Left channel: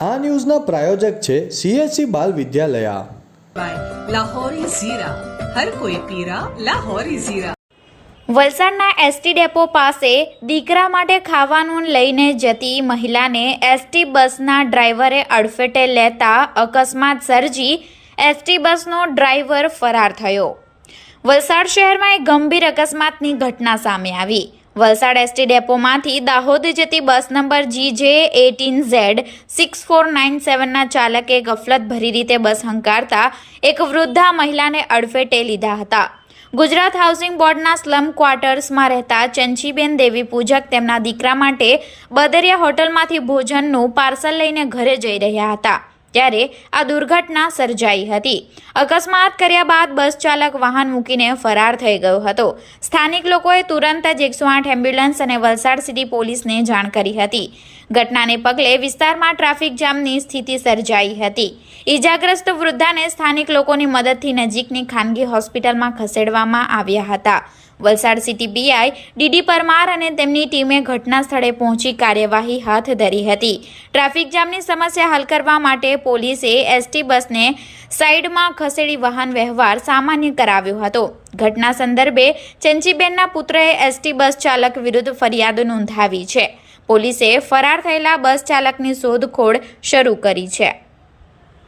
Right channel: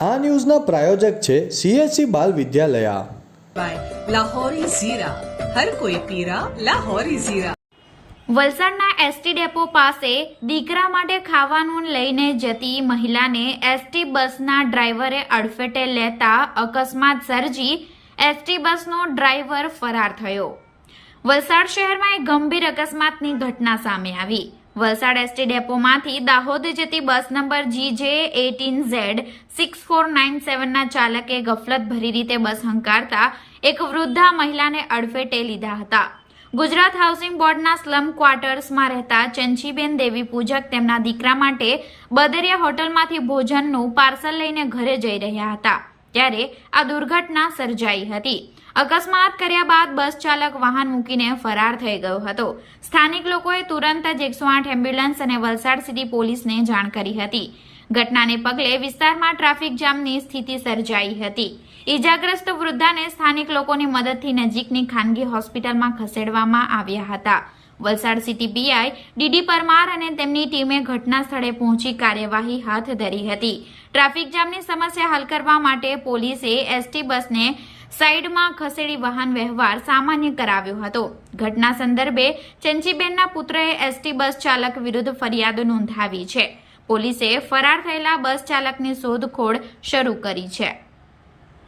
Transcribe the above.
આ ન્યૂઝના પ્રાયોજક છે CSC બાલ વિદ્યાલયા. લાહોરી ઝીરા, હર કોઈ પીરા લાહોરી ઝીરા. વલસાડના એસટી ડેપો પાસે દીકરા માટે ખાવાનું લઈને જતી મહિલાને એસટી બસના ડ્રાઈવરે અડફેટે લેતા અકસ્માત સર્જી એસટી બસનો ડ્રાઈવર ફરાર થયો. વલસાડ શહેરમાં એક ગંભીર અકસ્માતની ઘટના સામે આવી. વલસાડ એસટી ડેપોમાંથી દાહોદ જતી બસ નંબર GJ18Z6497ના ચાલકે ગફલતભરી રીતે બસ હંકારતા એક વૃદ્ધા મહિલાને અડફેટે લીધા હતા. ગુજરાત હાઉસિંગ બોર્ડના સ્લમ ક્વાર્ટર્સમાં રહેતા ચંચીબેન દેવી પૂજક તેમના દીકરા માટે બદરિયા હોટલમાંથી ભોજનનું પાર્સલ લઈને ઘરે જઈ રહ્યા હતા ત્યારે આ દુર્ઘટના સર્જાઈ હતી. અકસ્માત કર્યા બાદ બસ ચાલક વાહન મૂકીને ફરાર થઈ ગયો હતો. સ્થાનિક લોકોએ તુરંત જ 108 એમ્બ્યુલન્સ અને વલસાડ સિટી પોલીસને જાણ કરી હતી. ઘટનાને પગલે વિસ્તારમાં ટ્રાફિક જામની સ્થિતિ સર્જાઈ હતી. ઈજાગ્રસ્ત વૃદ્ધાને સ્થાનિક લોકોની મદદથી નજીકની ખાનગી હોસ્પિટલમાં ખસેડવામાં આવ્યા હતા. Valsad city PI DD Parmar અને તેમની ટીમે ઘટના સ્થળે પહોંચી કાર્યવાહી હાથ ધરી હતી. ટ્રાફિક જામની સમસ્યા હલ કરવા માટે પોલીસે એસટી બસને સાઈડમાં ખસેડી વાહન વ્યવહાર સામાન્ય કરાવ્યો હતો. ઘટના સંદર્ભે ચંચીબેનના પુત્રએ એસટી બસ ચાલક વિરુદ્ધ ફરિયાદ નોંધાવી છે. પોલીસે ફરાર થયેલા બસ ચાલકની શોધખોળ શરૂ કરી છે.